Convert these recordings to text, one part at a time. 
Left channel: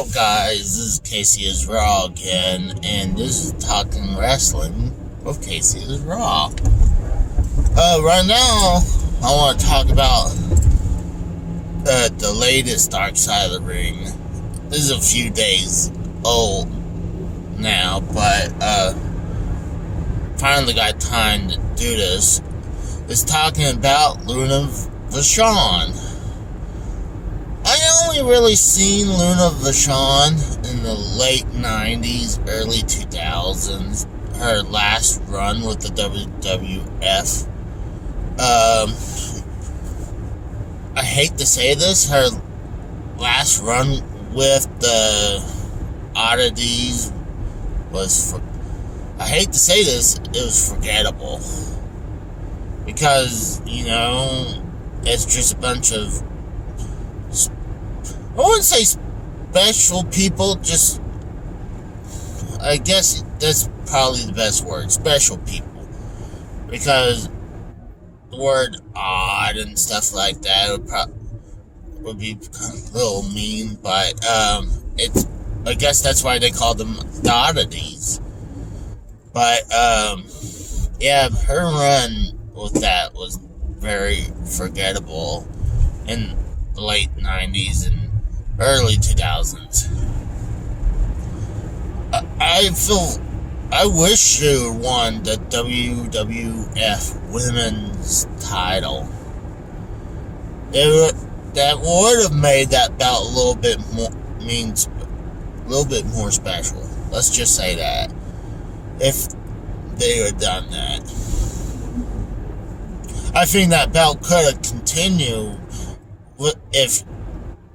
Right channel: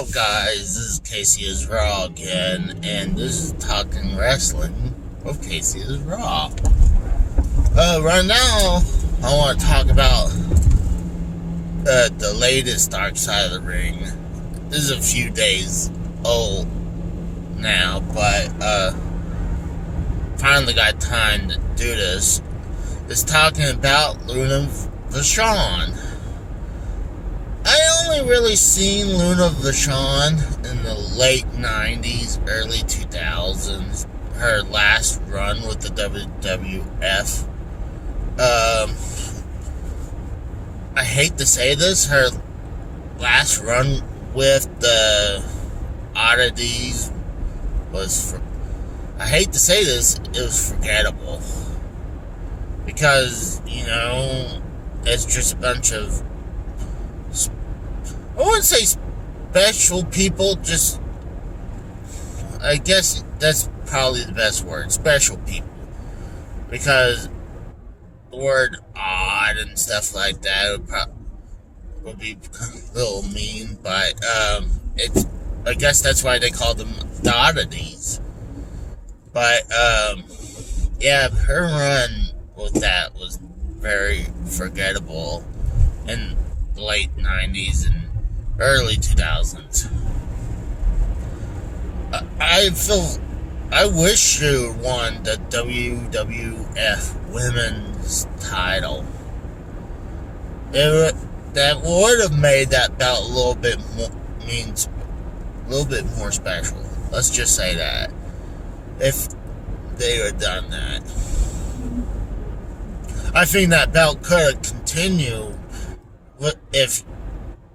up, guys? This is Casey is Raw again, and this is Talking Wrestling with Casey is Raw. Right now, I want to talk about the latest Dark Side of the Ring. This is a few days old now, but finally got time to do this. It's talking about Luna Vachon. I only really seen Luna Vachon in the late 90s, early 2000s. Her last run with the WWF. I hate to say this, her last run with the Oddities was, I hate to say this, it was forgettable. Because, it's just a bunch of, I wouldn't say special people, just, I guess that's probably the best word, special people. Because the word odd and stuff like that would be a little mean, but I guess that's why they call them the Oddities. But, yeah, her run with that was very forgettable in the late 90s and early 2000s. I wish she won the WWF Women's title. That would have made that belt a little bit more special. Let's just say that. If they had done that. I think that belt could have continued if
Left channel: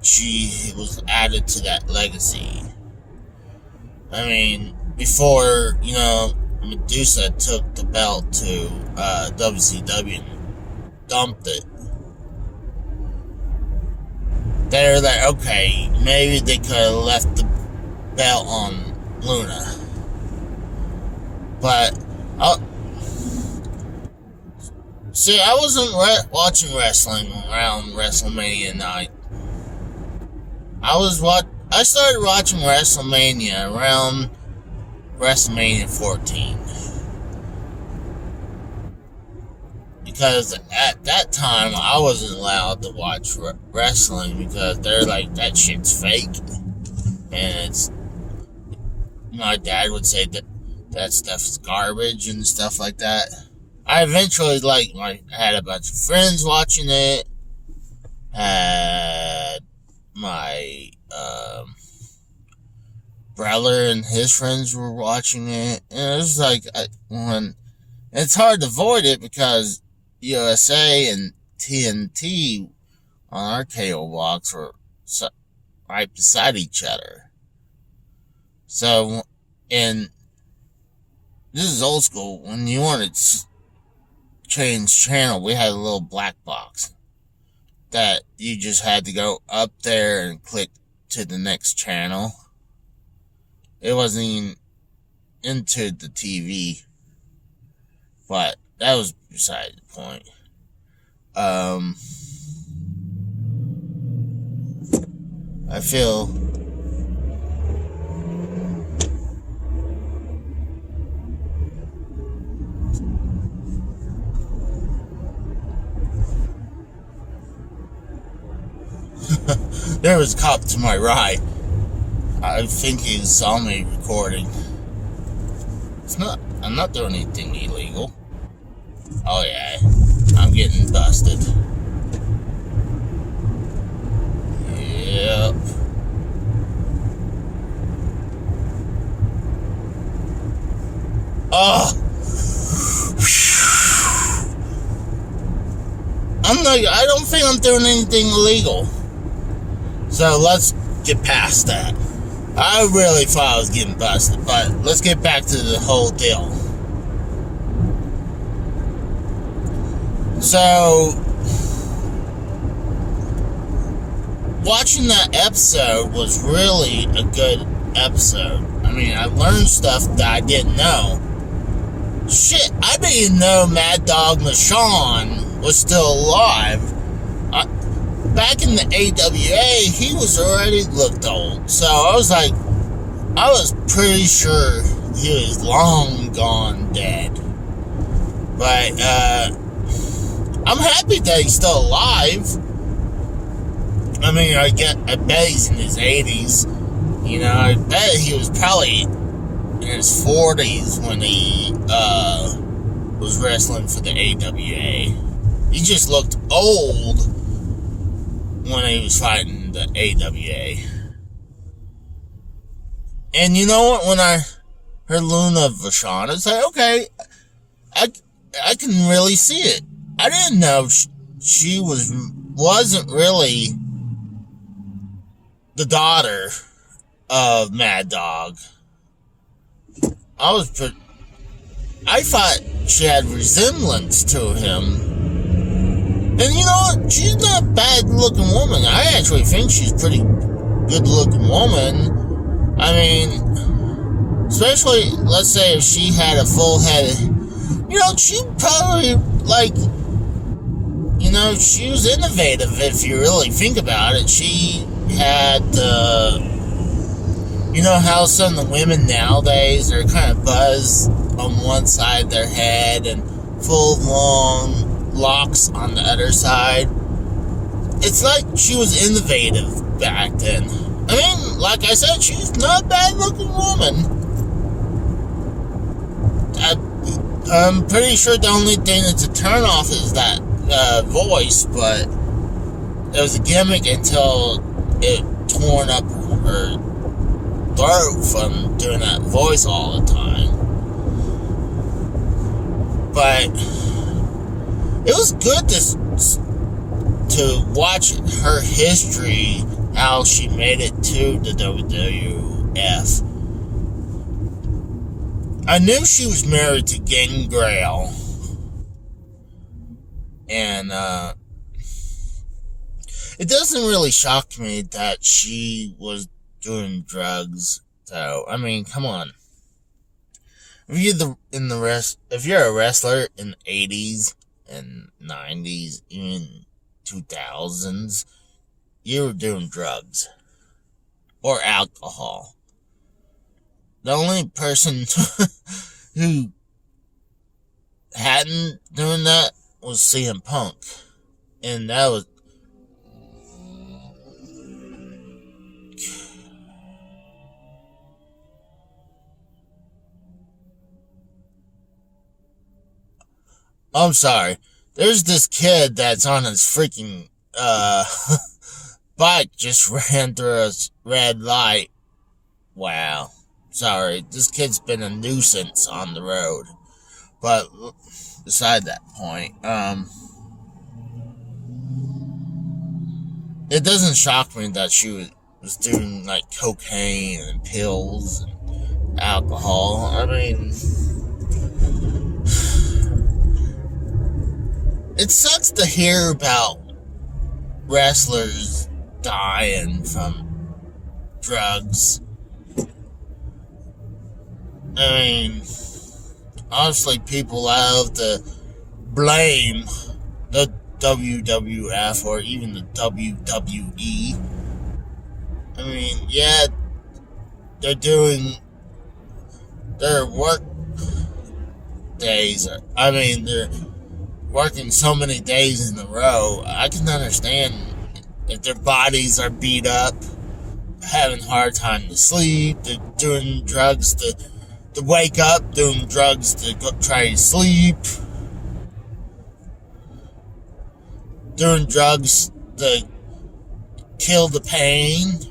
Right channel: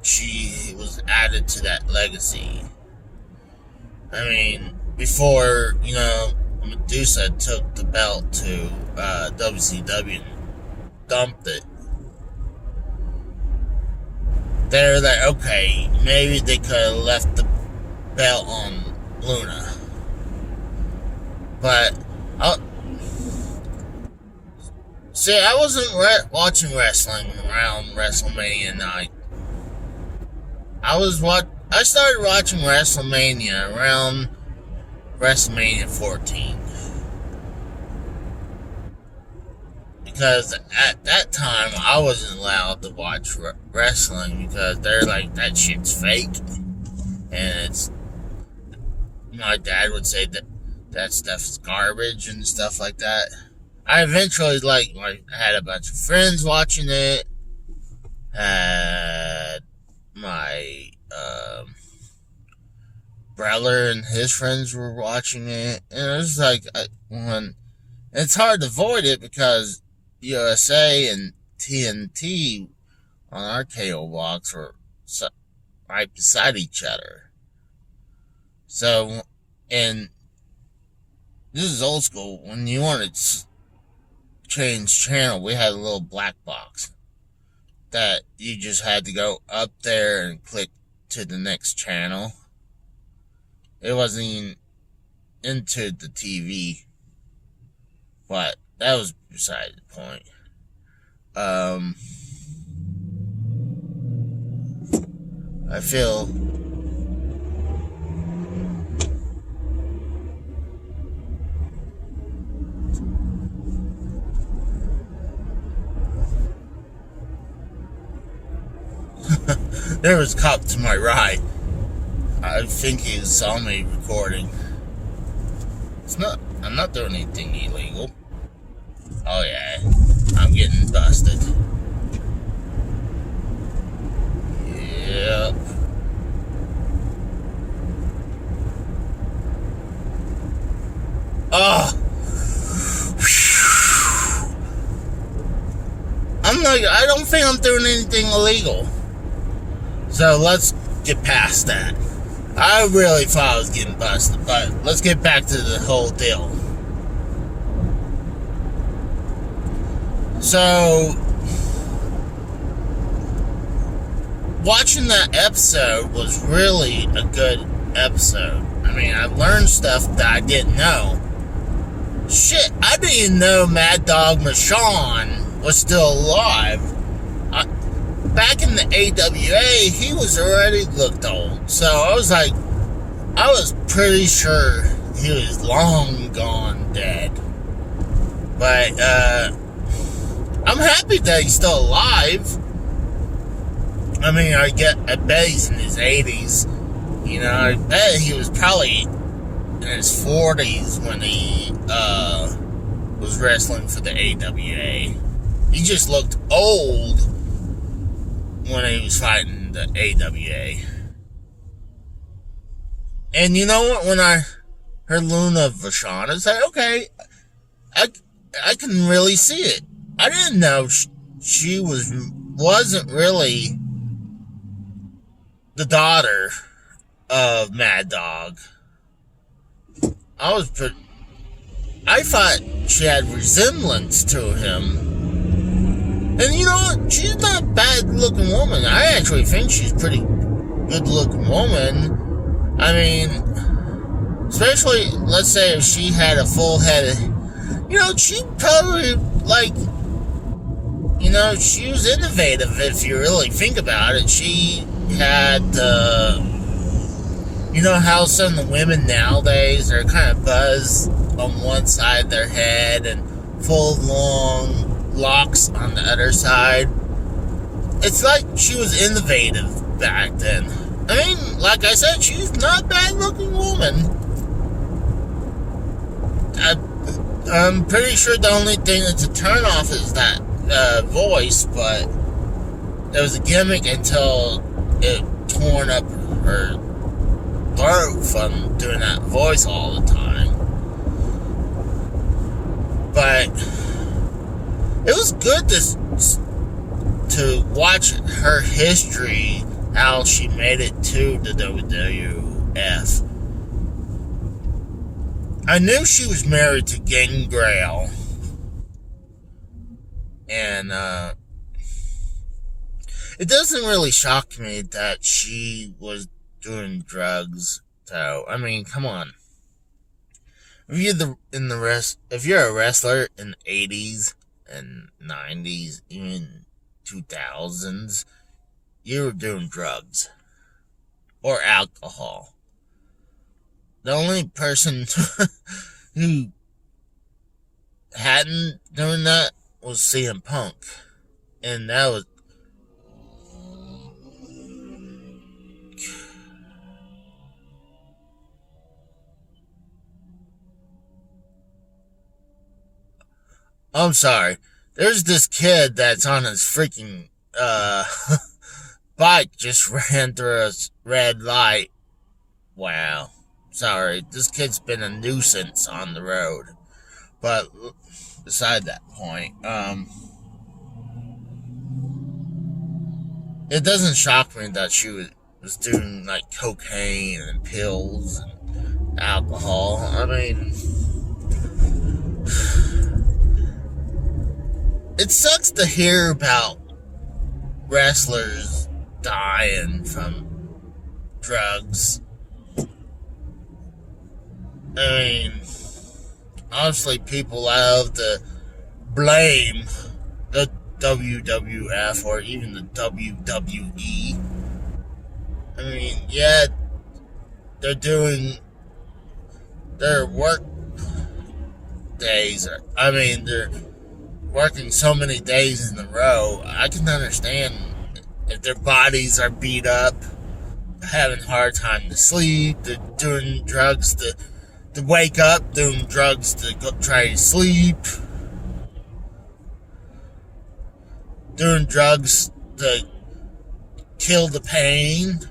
she was added to that legacy. I mean, before, Medusa took the belt to WCW and dumped it. They're like, okay, maybe they could have left the belt on Luna. But, see, I wasn't watching wrestling around WrestleMania night. I started watching WrestleMania around WrestleMania 14. Because at that time, I wasn't allowed to watch wrestling because they're like, that shit's fake. And my dad would say that stuff's garbage and stuff like that. I eventually, I had a bunch of friends watching it. Had my brother and his friends were watching it. And it was like, it's hard to avoid it because USA and TNT on our cable box were right beside each other. So, and this is old school. When you wanted to change channel, we had a little black box that you just had to go up there and click to the next channel. It wasn't even into the TV, but that was beside the point. I feel there was a cop to my right. I think he saw me recording. I'm not doing anything illegal. Oh yeah, I'm getting busted. Yep. Oh. I don't think I'm doing anything illegal. So let's get past that. I really thought I was getting busted, but let's get back to the whole deal. So, watching that episode was really a good episode. I mean, I learned stuff that I didn't know. Shit, I didn't even know Mad Dog Vachon was still alive. back in the AWA, he was already looked old. So I was pretty sure he was long gone dead. But I'm happy that he's still alive. I mean, I bet he's in his 80s. You know, I bet he was probably in his 40s when he was wrestling for the AWA. He just looked old when he was fighting the AWA. And you know what? When I heard Luna Vachon, I said, okay, I can really see it. I didn't know she wasn't really the daughter of Mad Dog. I thought she had resemblance to him. And you know what? She's not a bad looking woman. I actually think she's a pretty good looking woman. I mean, especially, let's say if she had a full head of, you know, she probably, like, you know, she was innovative if you really think about it. She had, you know how some of the women nowadays are kind of buzzed on one side of their head and full long locks on the other side. It's like she was innovative back then. I mean, like I said, she's not a bad looking woman. I'm pretty sure the only thing that's a turnoff is that voice, but it was a gimmick until it torn up her throat from doing that voice all the time. But it was good to watch her history, how she made it to the WWF. I knew she was married to Gangrel. And it doesn't really shock me that she was doing drugs. So, I mean, come on. If you're a wrestler in the 80s and 90s, even 2000s, you were doing drugs or alcohol. The only person who hadn't done that was CM Punk, and that was I'm sorry. There's this kid that's on his freaking bike just ran through a red light. Wow. Sorry. This kid's been a nuisance on the road. But beside that point, it doesn't shock me that she was doing like cocaine and pills and alcohol. I mean, it sucks to hear about wrestlers dying from drugs. I mean, honestly, people love to blame the WWF or even the WWE. I mean, yeah, they're doing their work days. I mean, they're working so many days in a row. I can understand if their bodies are beat up, having a hard time to sleep, they're doing drugs to wake up, doing drugs to go try to sleep, doing drugs to kill the pain.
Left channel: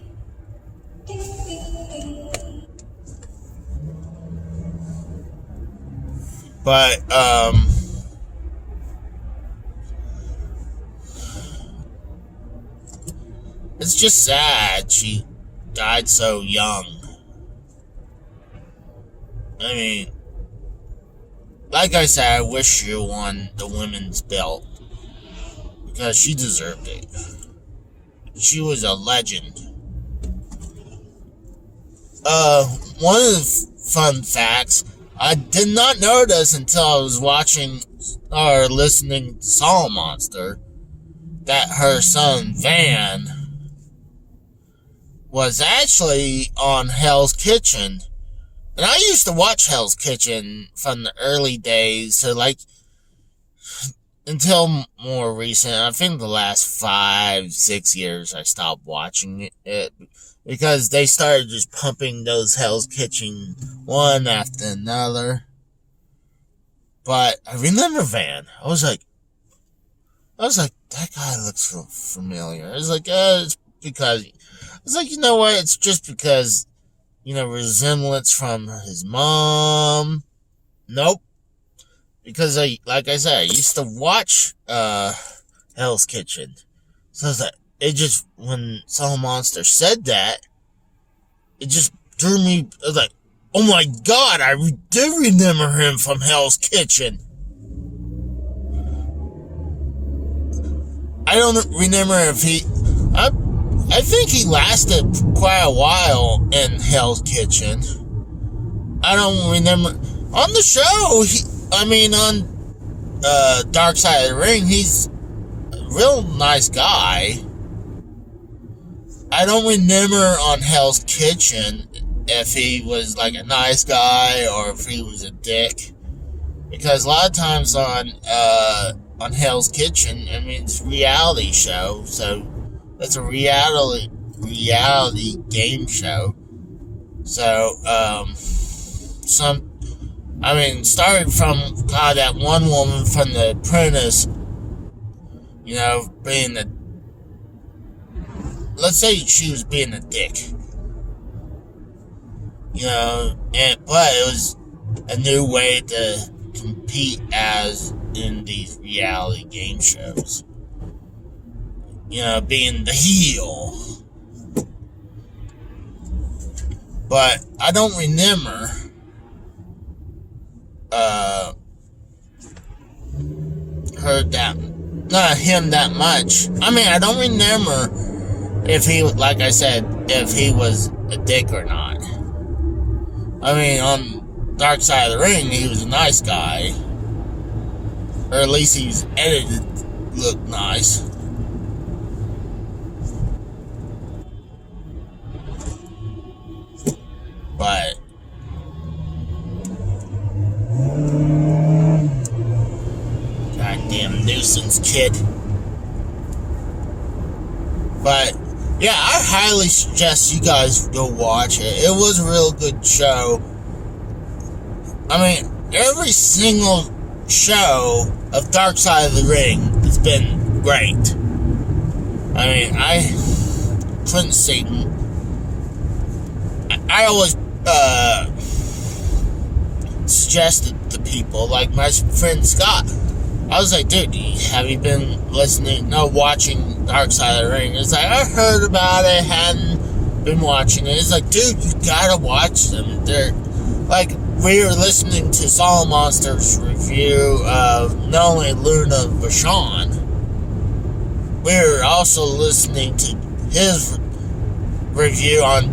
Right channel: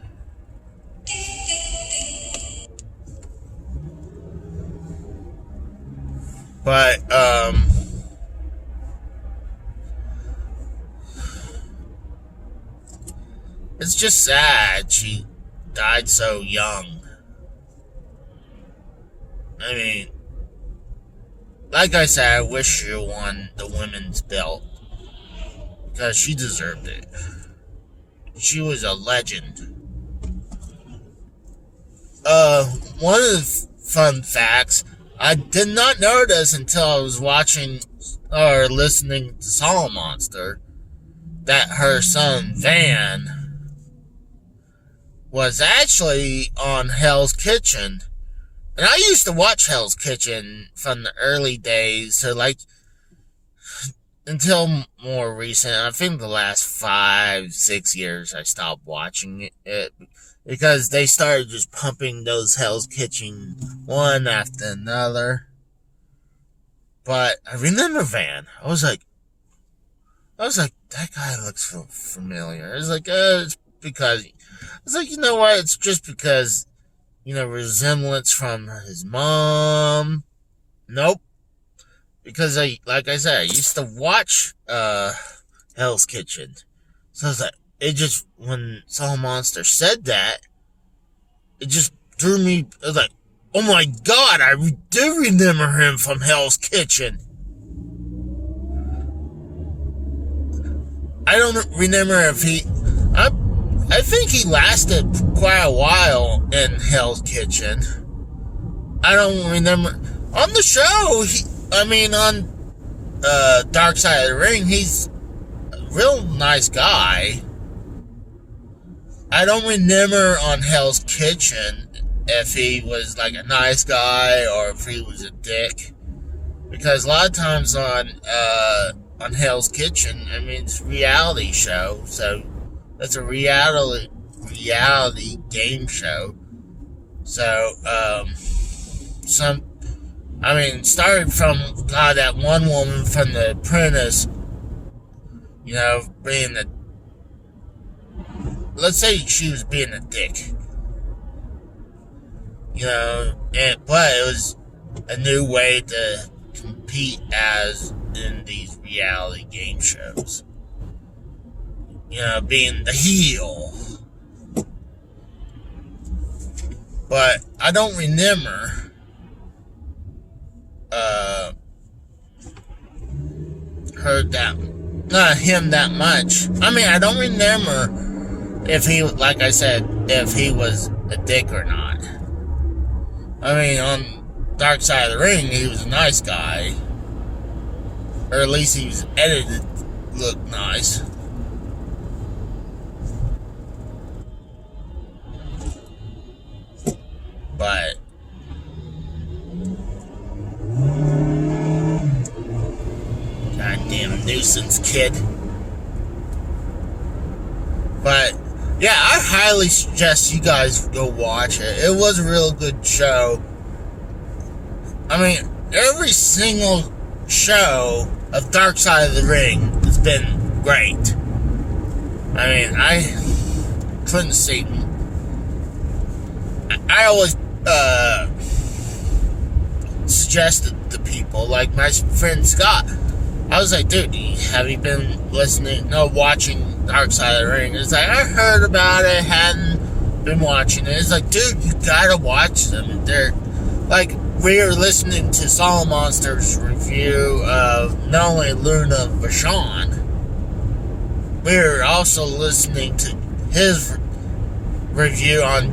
But, it's just sad she died so young. I mean, like I said, I wish she won the women's belt because she deserved it. She was a legend. One of the fun facts, I did not know this until I was watching or listening to Soul Monster. that her son Van was actually on Hell's Kitchen. And I used to watch Hell's Kitchen from the early days, so like until more recent. I think the last 5-6 years I stopped watching it because they started just pumping those Hell's Kitchen one after another. But I remember Van. I was like, that guy looks so familiar. It's like, it's because, it's like, you know what? It's just because, resemblance from his mom. Nope. Because like I said, I used to watch, Hell's Kitchen. So I was like, when Soul Monster said that, it just drew me, I was like, oh my god, I do remember him from Hell's Kitchen. I don't remember if I think he lasted quite a while in Hell's Kitchen. I don't remember. On the show, on Dark Side of the Ring, he's a real nice guy. I don't remember on Hell's Kitchen if he was like a nice guy or if he was a dick. Because a lot of times on Hell's Kitchen, it's a reality show, so it's a reality game show. So, started from that one woman from The Apprentice, being let's say she was being a dick, but it was a new way to compete as in these reality game shows. Being the heel. But I don't remember him that much. I don't remember if he, like I said, if he was a dick or not. On Dark Side of the Ring, he was a nice guy. Or at least he was edited to look nice. But goddamn nuisance kid. But yeah, I highly suggest you guys go watch it. It was a real good show. Every single show of Dark Side of the Ring has been great. I couldn't see. I always suggested to people, like my friend Scott. I was like, dude, have you been watching Dark Side of the Ring? It's like, I heard about it, hadn't been watching it. It's like, dude, you gotta watch them. They're like, we were listening to Soul Monster's review of not only Luna Vachon, we were also listening to his review on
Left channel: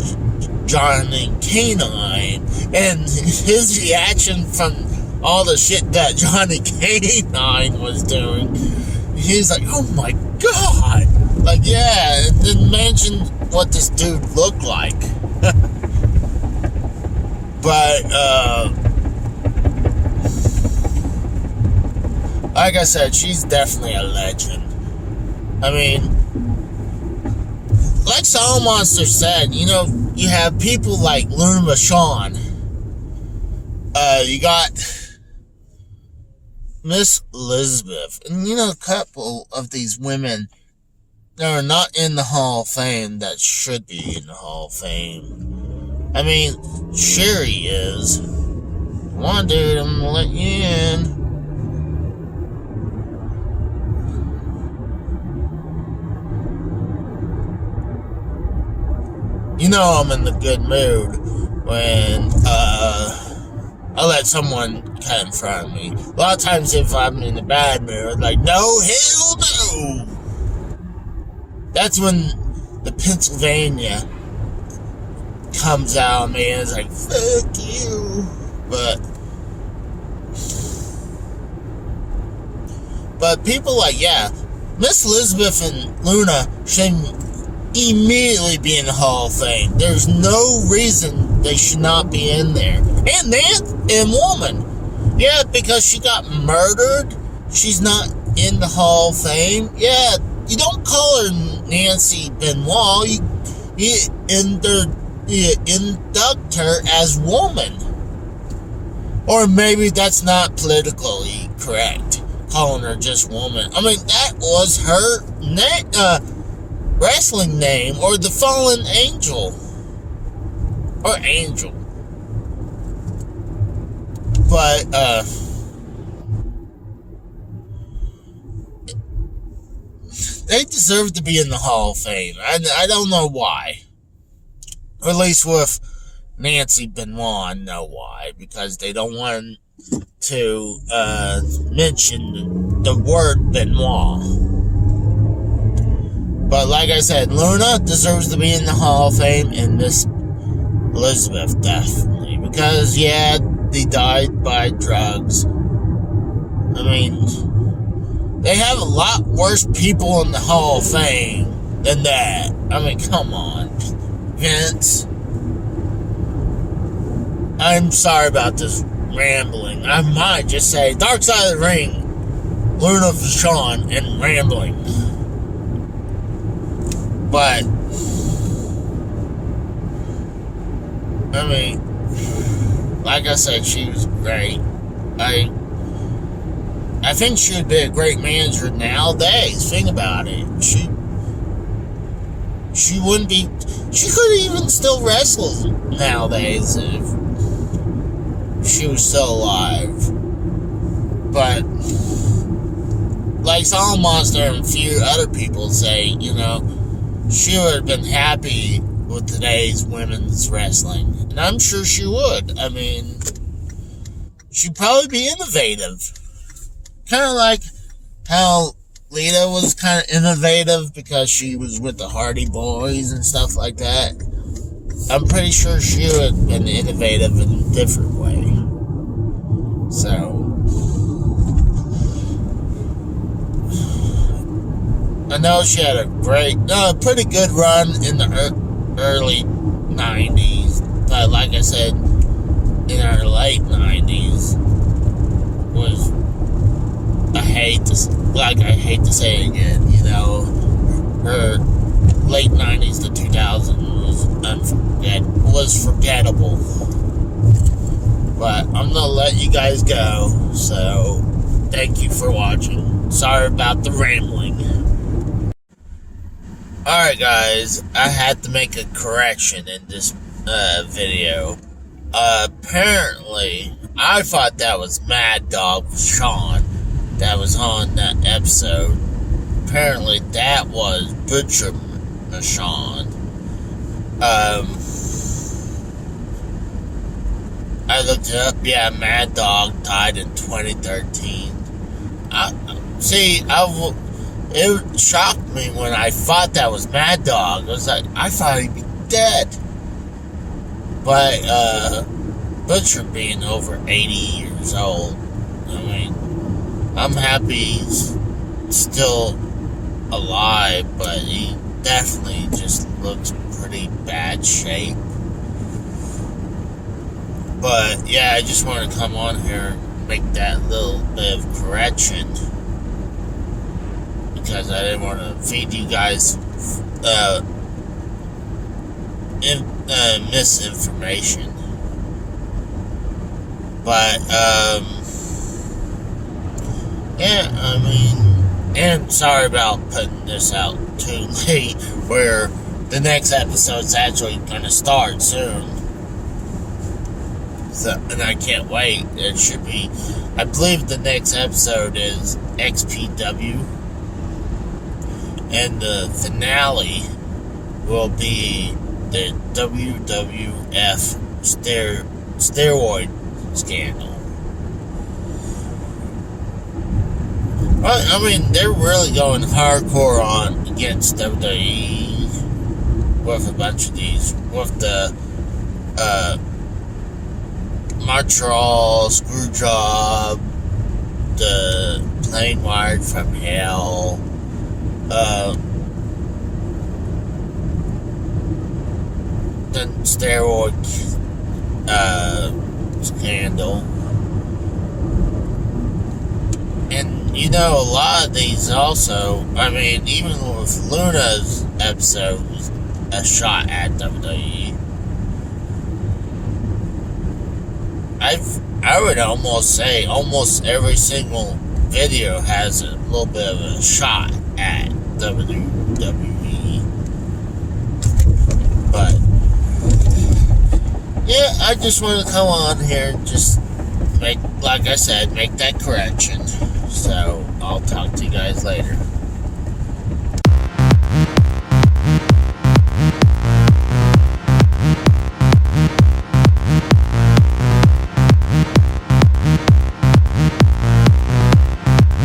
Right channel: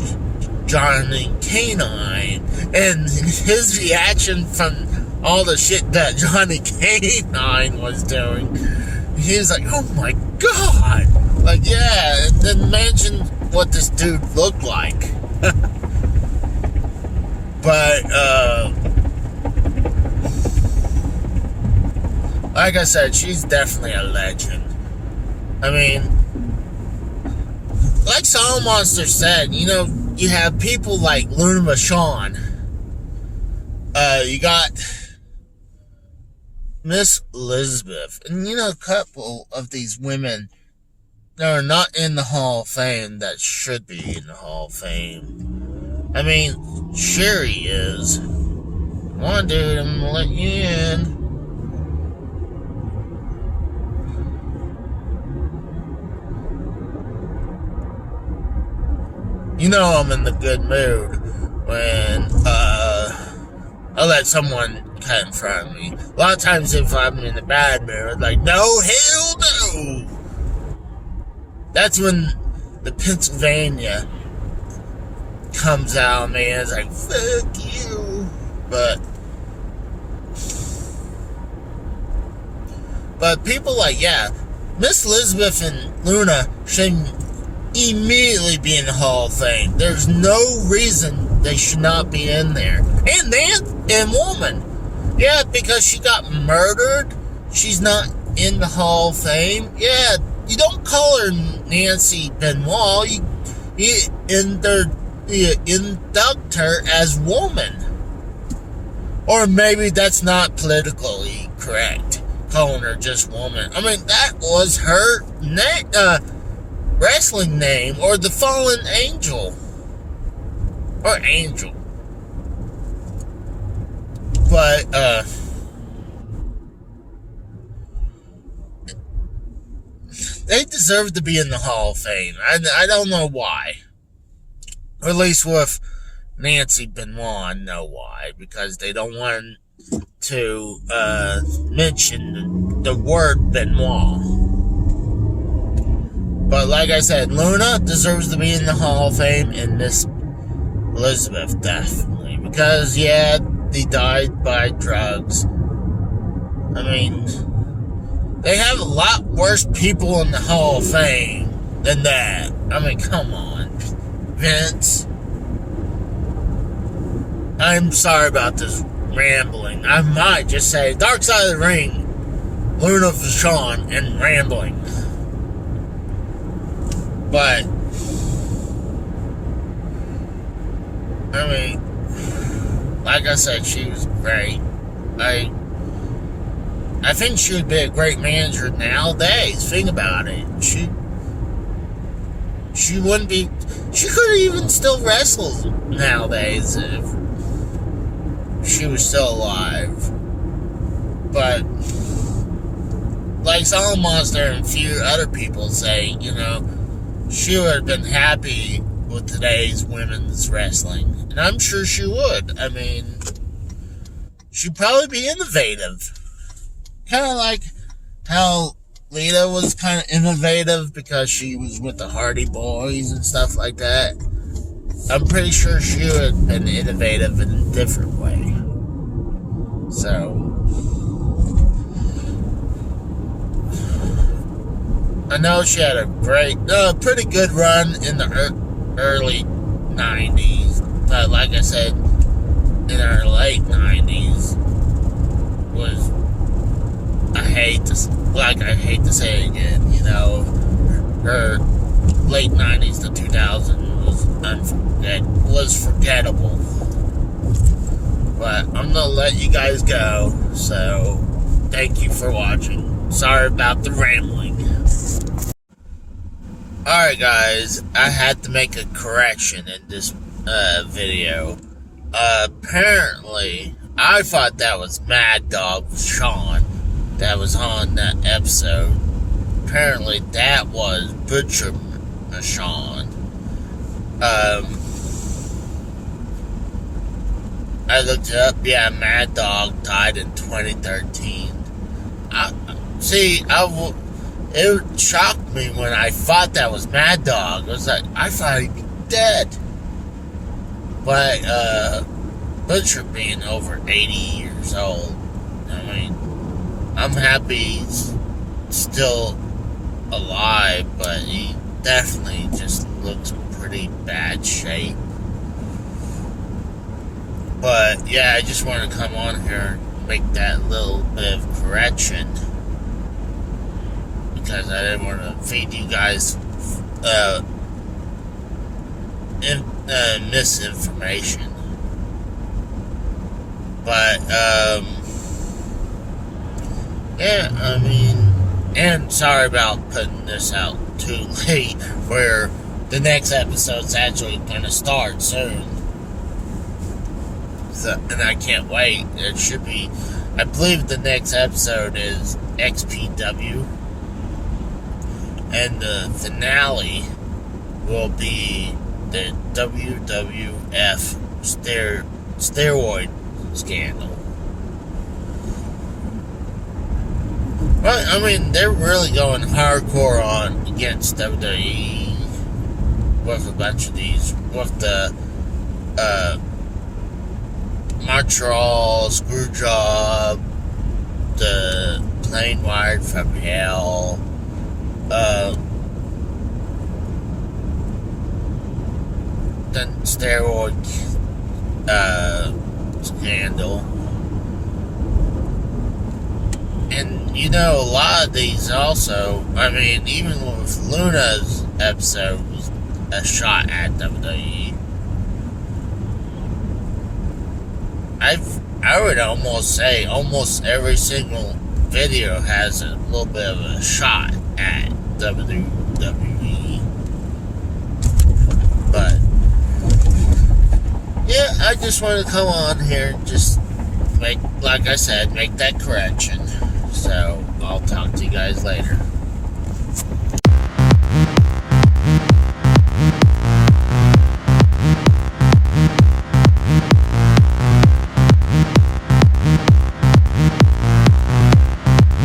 Johnny Canine, and his reaction from all the shit that Johnny Canine was doing. He's like, oh my god! Like, yeah, and then mention what this dude looked like. But, like I said, she's definitely a legend. Like Soul Monster said, you have people like Luna Vachon. You got Miss Elizabeth. And, a couple of these women that are not in the Hall of Fame that should be in the Hall of Fame. Sherry is. Come on, dude, I'm gonna let you in. I'm in the good mood when I let someone cut in front of me. A lot of times if I'm in a bad mood, I'm like, no, hell no! That's when the Pennsylvania comes out of me and it's like, fuck you. But people like, yeah, Miss Elizabeth and Luna should immediately be in the Hall of Fame. There's no reason they should not be in there. And woman. Yeah, because she got murdered, she's not in the Hall of Fame. Yeah, you don't call her Nancy Benoit. You induct her as woman. Or maybe that's not politically correct, calling her just woman. I mean, that was her wrestling name, or the fallen angel. Or angel. But, they deserve to be in the Hall of Fame. I don't know why. Or at least with Nancy Benoit, I know why. Because they don't want to mention the word Benoit. But like I said, Luna deserves to be in the Hall of Fame, and Miss Elizabeth definitely. Because, yeah, they died by drugs. I mean, they have a lot worse people in the Hall of Fame than that. I mean, come on, Vince. I'm sorry about this rambling. I might just say Dark Side of the Ring, Luna Vachon, and rambling. But, I mean, like I said, she was great. I think she would be a great manager nowadays. Think about it. She wouldn't be. She could even still wrestle nowadays if she was still alive. But like Solomon Monster and a few other people say, you know, she would have been happy with today's women's wrestling, and I'm sure she would. I mean, she'd probably be innovative. Kind of like how Lita was kind of innovative because she was with the Hardy Boys and stuff like that. I'm pretty sure she would have been innovative in a different way. So, I know she had a pretty good run in the early 90s. But like I said, in her late 90s was... I hate to say it again, you know, her late 90s to 2000 was forgettable. But I'm gonna let you guys go, so thank you for watching. Sorry about the rambling. Alright guys, I had to make a correction in this video. Apparently, I thought that was Mad Dog Sean that was on that episode. Apparently that was Butcher Vachon. I looked it up. Yeah, Mad Dog died in 2013. It shocked me when I thought that was Mad Dog. I was like, I thought he'd be dead. But Butcher being over 80 years old, I mean, I'm happy he's still alive, but he definitely just looks pretty bad shape. But yeah, I just wanted to come on here and make that little bit of correction, because I didn't want to feed you guys misinformation. But yeah, I mean, and sorry about putting this out too late, where the next episode's actually going to start soon. So, and I can't wait. It should be, I believe the next episode is XPW, and the finale will be the WWF steroid scandal. Well, I mean, they're really going hardcore on against WWE with a bunch of these, with the Montreal Screwjob, the Plane Wired from Hell, the steroid scandal. And you know, a lot of these also, I mean, even with Luna's episode was a shot at WWE. I would almost say almost every single video has a little bit of a shot at WWE. But yeah, I just want to come on here and just make, like I said, make that correction. So I'll talk to you guys later.